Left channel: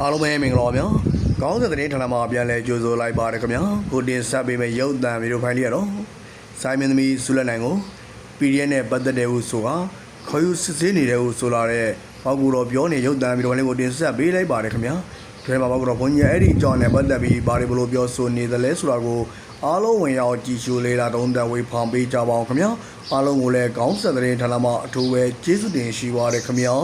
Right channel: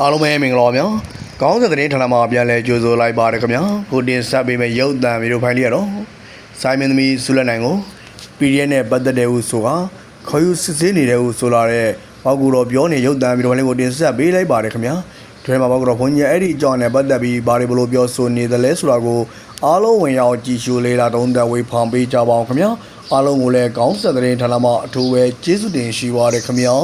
အားလုံးပဲမင်္ဂလာပါဗျာကောင်းတဲ့သတင်းဌာနမှာပြန်လဲကြိုဆိုလိုက်ပါတယ်ခင်ဗျာကိုတင်ဆက်ပေးမယ့်ရုပ်သံဗီဒီယိုဖိုင်လေးရတော့စိုင်းမင်းသမီးဆုလက်နိုင်ကို PDF နဲ့ပတ်သက်တဲ့ဟုဆိုတာခေါ်ယူစစ်ဆေးနေတဲ့ဟုဆိုလာတဲ့ပေါက်ကူတော်ပြောနေရုပ်သံဗီဒီယိုဖိုင်လေးကိုတင်ဆက်ပေးလိုက်ပါတယ်ခင်ဗျာဒီမှာပေါက်ကူတော်ဘုန်းကြီးအဲ့ဒီအကြောင်းနဲ့ပတ်သက်ပြီးဘာတွေဘလို့ပြောဆိုနေသလဲဆိုတာကိုအားလုံးဝင်ရောက်ကြည့်ရှုလေ့လာတုံးသက်ဝေဖောင်ပေးကြပါအောင်ခင်ဗျာအားလုံးကိုလည်းကောင်းတဲ့သတင်းဌာနမှာအထူးပဲကျေးဇူးတင်ရှိပါတယ်ခင်ဗျာ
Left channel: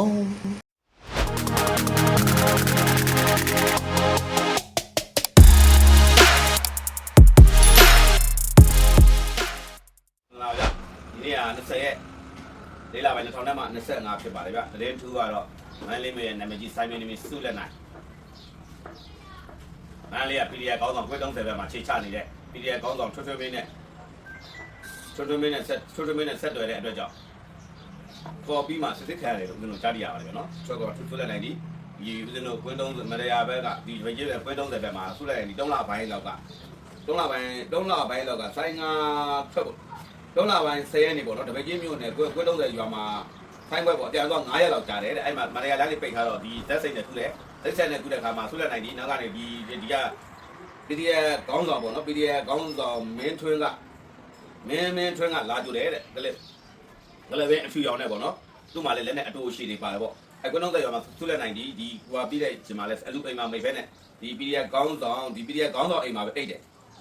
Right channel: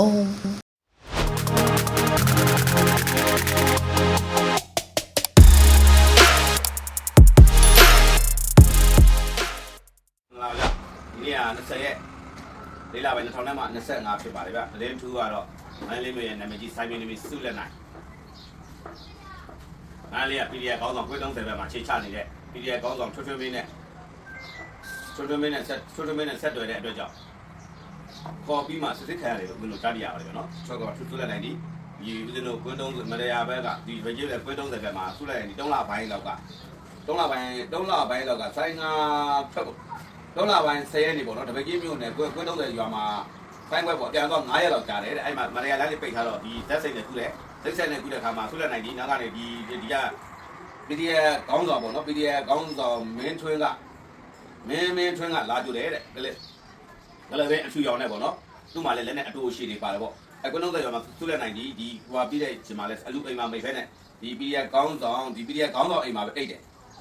20ရက်လေးလပိုင်း2000နဲ့မှ25ဖြစ်ပါတယ်ဗျတရင်ထူးကတော့မန်းလေးမျိုးရဲ့နာမည်ကြီးစိုင်းမင်းသမီးစုလက်နိုင်မန်းလေးက PDF ကောင်းဆောင်ခွဲတုံးတယ်ဘက်မှာခြေချနေတဲ့ PDF ကောင်းဆောင်ထွတ်ထွတ်မင်းနဲ့ထွတ်ထွတ်မင်းနဲ့ဆက်ထွတ်ထွတ်မင်းနဲ့ဆက်တွေ့တဲ့အတွက်ကြောင့်ကော်ပီမှာစစ်စစ်ခံရတယ်လို့ဦးတို့ကြားရပါတယ်ဗျနော်ချောကတော့ထွတ်ထွတ်လက်နိုင်ဒီဒီဦးဇင်းတို့ကွင်းတုံးမရယာဘက်ကဒီဗကြီးပဲကွင်းတုံးတယ်ဘက်မှာဆုလက်နိုင်ဒီ3လပိုင်းလောက်က3လပိုင်း3လပိုင်းလောက်ကစိုင်းငါထွက် 3လပိုင်း10ရက်နေပေါ့နော်တပည့်ကြီးမျိုးနဲ့ကွင်းကွင်းတုံးတယ်ရွာမှာဖိုင်းဘက်ပေါ့အပြန်တော့9ရက်လောက်ကြာတယ်တဲ့အဲ့မှာမရယာလမ်းလေးပိတ်ထားတော့ဒီသက်စိတ်နဲ့ထူတယ်သက်စိတ်နဲ့ထူတဲ့ခါမှာဆုလက်နိုင်ဒီနောက်ကနေဒီဒီက PDF ကောင်းဆောင်ပေါ့နော် PDF ကောင်းဆောင်မင်းထွင်းကမင်းမင်းထွင်းကလာကြတယ်တဲ့ကလေးကလေးပဲအထူရောင်နဲ့ပေါ့နော်သူ့မှာလည်းလက်နဲ့အတူရှိနေပါတယ်ပေါ့အကွန်းတော့တဲ့ရွာမှာသူ့လက်နိုင်ဒီဒီဟိုဟာပြီးတဲ့ချိန်မှာလည်းအလူအိမ်မှာမိဖဲနဲ့ဒီ PDF ကောင်းဆောင်ဒီ PDF ကောင်းဆောင်အိမ်မှာပဲအိတ်တယ်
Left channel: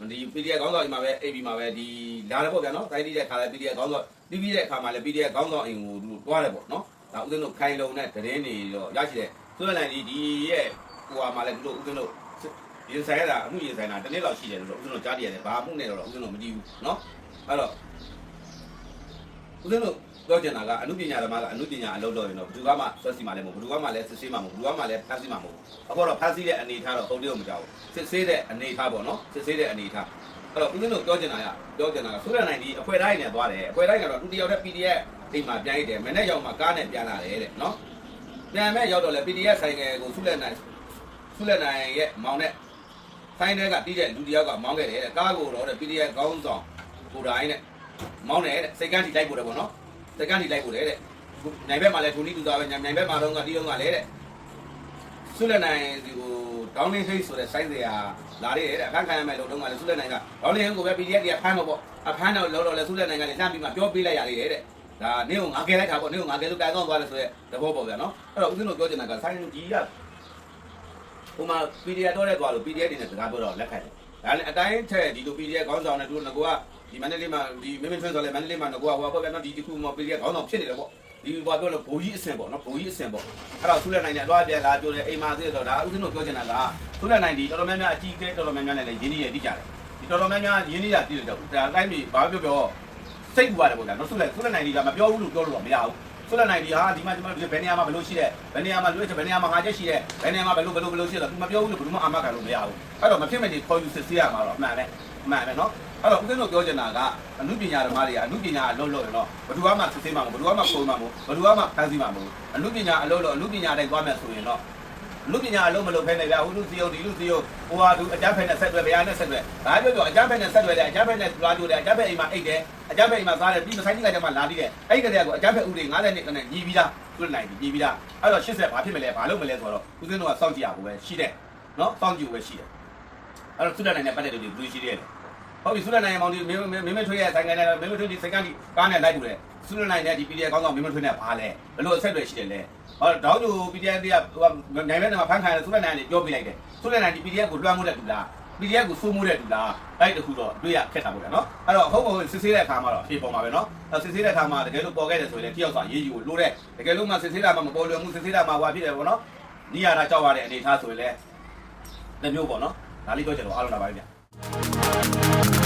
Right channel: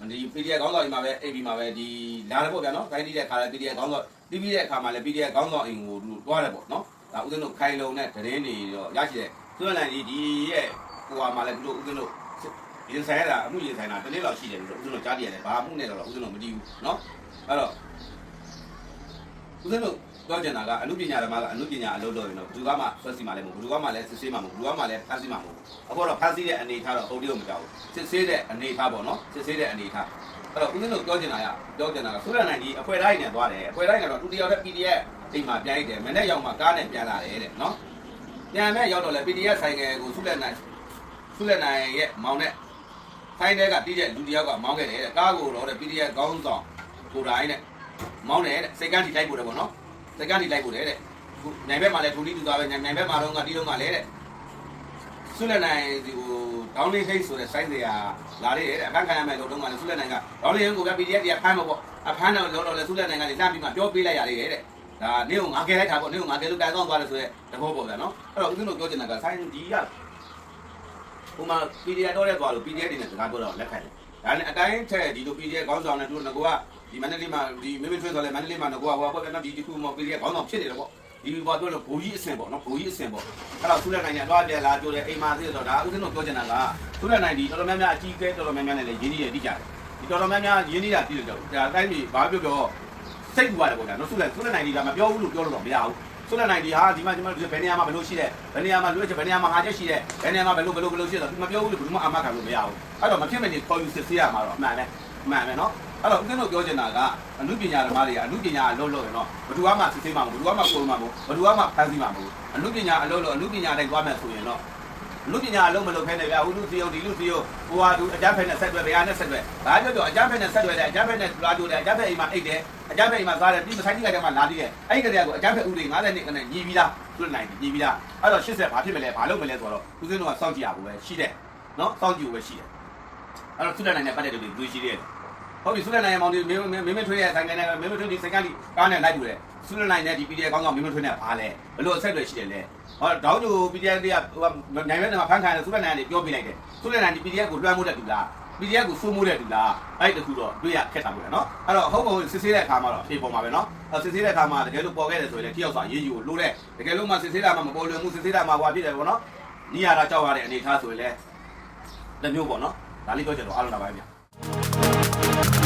ဒီ PDF ခေါင်းဆောင်အိမ်မှာပဲအိပ်ပြီးမှာပဲဒီလာတယ်ပေါ့ဗျာနော်တိုင်းတိတဲ့ခါလဲ PDF ခေါင်းဆောင်တီးပြီးတဲ့အခါမှာလဲ PDF ခေါင်းဆောင်အိမ်ကိုတွားတယ်ပေါ့နော်ဒါဥစဉ်တို့ခိုင်လုံတဲ့တရင်နေတော့ရရှိတယ်သူမလန်ကြီးဒီရဲ့ဟိုဟာမှာလဲသူတို့ဥစဉ်တို့ရင်ဆိုင်ရတာအမှုရင်ဆိုင်တာတနေ့လောက်ရှိတယ်လို့ဥစဉ်တို့ကြားပြရတယ်ဘာမှုနဲ့တော့ဥစဉ်တို့မကြည့်ဘူးနော်အဲ့တော့ ဦးဇင်းတို့ပြောချင်တာကအမှုပညာဓမ္မကအမှုပညာအလုပ်လုပ်ရင်တော့ဘယ်သူကမှဆွတ်စီမှလည်းမဟုတ်ဘူးဘယ်သူကမှလည်းစစ်ဆေးမှမဟုတ်ဘူးဘယ်သူကမှလည်းဖမ်းဆီးမှမဟုတ်ဘူးအခုတော့ဖမ်းဆီးတဲ့အနေထားတော့ဟုတ်တယ်မကြောက်ဘူးစစ်ဆေးတဲ့အနေထားပေါ့နော်စစ်ဆေးတဲ့အနေထားအဲ့တော့ဦးဇင်းတို့ပြောချင်တာကပြောချင်တာကဆိုရနိုင်ဒီအဖွဲတိုင်းနဲ့သွားတယ်အဖွဲတိုင်းကတော့သူတယောက်တည်း PDF အိမ်မှာပြန်လိုက်တယ်မနေ့ရောက်မှကားနဲ့ပြန်လာတယ်တဲ့နော်ပြန်မဲ့ရောက်တော့လေ PDF ဆိုင်ကယ်ကိုဆုလက်နိုင်ဆုလက်နိုင်ရဲ့မောင်နဲ့ဖိုင်းတဲကတီးတဲ့လူတယောက်ကမောင်းခဲ့တယ်တဲ့ကားကိုတော့တဲ့ PDF ကောင်းဆောင်ကိုတိုင်းနဲ့ မောင်းတယ်တဲ့စိတ်ကန်းထိလိုက်ပို့တယ်ပေါ့နော်စိတ်ကန်းထိလိုက်ပို့တယ်တဲ့ခုနိုင်ဘက်မှာလည်းဒူလီတူသားပဲနိုင်နိုင်ဘက်မှာတော့ကတီးတော့ကလည်းတဲ့ဆုလက်နိုင်ဒီကိုဒေါင်းလင်းဟိတ်ဆိုတဲ့ site တွေကလာရတယ်တဲ့အခန်းခံရမယ်လို့တော့ကလည်းဆုလက်နိုင်ကဒေါင်းလင်းဟိတ်ကိုပဲ PDF တွေကဖမ်းတော့ပေါ့အဖမ်းတော့လောတော့လည်းဆုလက်နိုင်ကလည်းလှမ်းပြီးမှပြောပေးလိုက်ရတယ်တဲ့ဒါနေကိုငါကဲလိုက်တာပေါ့နေကိုငါကဲလို့တိုင်တော့သွားတယ်ဆိုရဲတဘောပေါ့ဗျာနော်အဲ့တော့ဦးဇင်းတို့ပြောချင်တာကဆိုင်ဒီကဟိုမှာ PDF တော့တဲ့သွားလို့ PDF တွေနဲ့စကားပြောတော့လက်ခံတယ်။ဒါနဲ့အတိုင်းထက်ဒီလို PDF ခေါင်းဆောင်နဲ့တို့ငကောက ဒီမန္တလေးမှာဒီမင်းမင်းထွန်းဆိုလဲမန္တလေးမှာငကောကဟိုပေါ့ဗျာနော်ဒီဒီခုမှာ PDF ခေါင်းဆောင်ဖြစ်နေတယ်ပေါ့။ဒီဘာပြောလို့ဘိုးကြီးအဆင်ပေါ့နော်ဘိုးကြီးအဆင်ပေါ့။အဲ့တော့ဆူလက်နိုင်နဲ့တော့ပြန်လာကြိုးတယ်အိမ်မှာသိတော့ဒါဦးဇင်းတို့ပြောချင်တာကဆူလက်နိုင်ဒီတော်တော်များများအကြီးကဲတော်တော်များများနဲ့လည်းရင်းနှီးရတိကြတယ်။ဒီတော်တော်များများရင်းနှီးတာတိတယ်တော့ဒါအတိုင်းပြီးဘာပြောပြောစိတ်ကူပါတယ်ပေါ့ဗျာနော်ဆူလက်ဆူလက်နိုင်ဒီကမပြောဘူးလို့ပြောလို့တော့မရဘူး။ဆိုတဲ့နိုင်ဒီဟာဒီမှာဒီမှာဘယ်နေရာမှာဘယ်လိုရှိတယ်ဘယ်နေရာမှာလွှဲချက်ဘယ်နေရာမှာဟာချက်ရှိတယ်ဘယ်နေရာမှာဘယ်လိုဘယ်လိုဘယ်လိုရှိတယ်သူမပြောဘူးလို့ဘယ်သူမှအာမခံလို့မရဘူးအဲ့တော့မဖြစ်မနေခေါ်ယူစစ်ဆေးရမှာတော့အမှန်ပဲအမှန်ပဲနော် အဲ့တော့ဦးဇင်းတို့ပြောချင်တာကအမှုပညာဓမ္မတွေကအမှုပညာအလုပ်လုပ်ရင်တော့ဘယ်သူမှစစ်ဆေးမှာမဟုတ်ဘယ်သူမှပုံမှာမဟုတ်ဘယ်သူမှဖန်ဆီးမှာမဟုတ်အမှုပညာအလုပ်လုပ်အမှုပညာတိုင်းသွားမယ်ဆိုရင်တော့လူပညာအလုံးမလုံးဖဲနဲ့ဗျာဟိုလူစီယုံဒီလူစီယုံဟိုဟာသူအကြမ်းဖက်နဲ့ဆက်တွဲဗျာနဲ့ဆက်တွဲဒါပြောပြောအကြမ်းဖက်နဲ့ဆက်တွဲတယ်အကြမ်းဖက်နဲ့လာကြိုတယ်အကြမ်းဖက်အိမ်မှာအိတ်တယ်အကြမ်းဖက်အိမ်မှာသားတယ်ဒီမဆိုင်ကြီးကကြမှာလာပြီးတယ်အဲ့ဒီကတည်းကအကြမ်းဖက်ဥတွေ90နှစ်ကနေညီပြီးသားသူနိုင်ညီပြီးသားအဲ့တော့80ဘာဖြစ်မလဲဘာလုပ်မလဲဆိုတော့ဦးစင်းတို့ကစောင့်ကြည့်ရဖို့ပဲရှိတယ်နော်စောင့်ကြည့်ဖို့ပဲရှိတယ်အဲ့တော့သူနိုင်တဲ့ပတ်သက်တွေလူရှိတယ် ဟုတ်ပြီဆုလနိုင်မောင်ဒီမင်းမင်းမထွေးရဲ့ဆိုင်ကနေမင်းမထွေးဒီစိတ်ကန်းဒီကားနဲ့လိုက်တူတယ်ဆုလနိုင်တဲ့ဒီ PDF ကောင်းဆောင်မင်းမထွေးနဲ့ဘာလဲဘယ်လိုအဆက်တွေရှိတယ်လဲဟောတောင်းကျူ PDF တွေကဟိုနိုင်တဲ့နေရာမှာဖန်ခံတယ်ဆုလနိုင်ကနေပြောပြလိုက်တယ်ဆုလနိုင်ဒီ PDF ကိုလွှမ်းမိုးတဲ့တူလား PDF ကိုစိုးမိုးတဲ့တူလားအဲ့တခုတော့တွေ့ရခက်တာပေါ့ဗျာနော်အဲ့တော့ဟုတ်ဟုတ်စစ်ဆေးတဲ့အခါမှာတော့ဖြေပေါ်မှာပဲနော်အဲ့စစ်ဆေးတဲ့အခါမှာတကယ်လို့ပေါ်ခဲ့တယ်ဆိုရင်လည်းတယောက်စာရေးယူကိုလိုတဲ့တကယ်လို့မှစစ်ဆေးတာမှမပေါ်လွယ်မှုစစ်ဆေးတာမှဟွာဖြစ်တယ်ပေါ့နော်နီးရတာကြောက်ရတဲ့အနေအထားဆိုရင်လည်းတစ်မျိုးပေါ့နော်ဒါလေးပြောချင်တော့အားလုံးလာပါပြီဗျ Bye.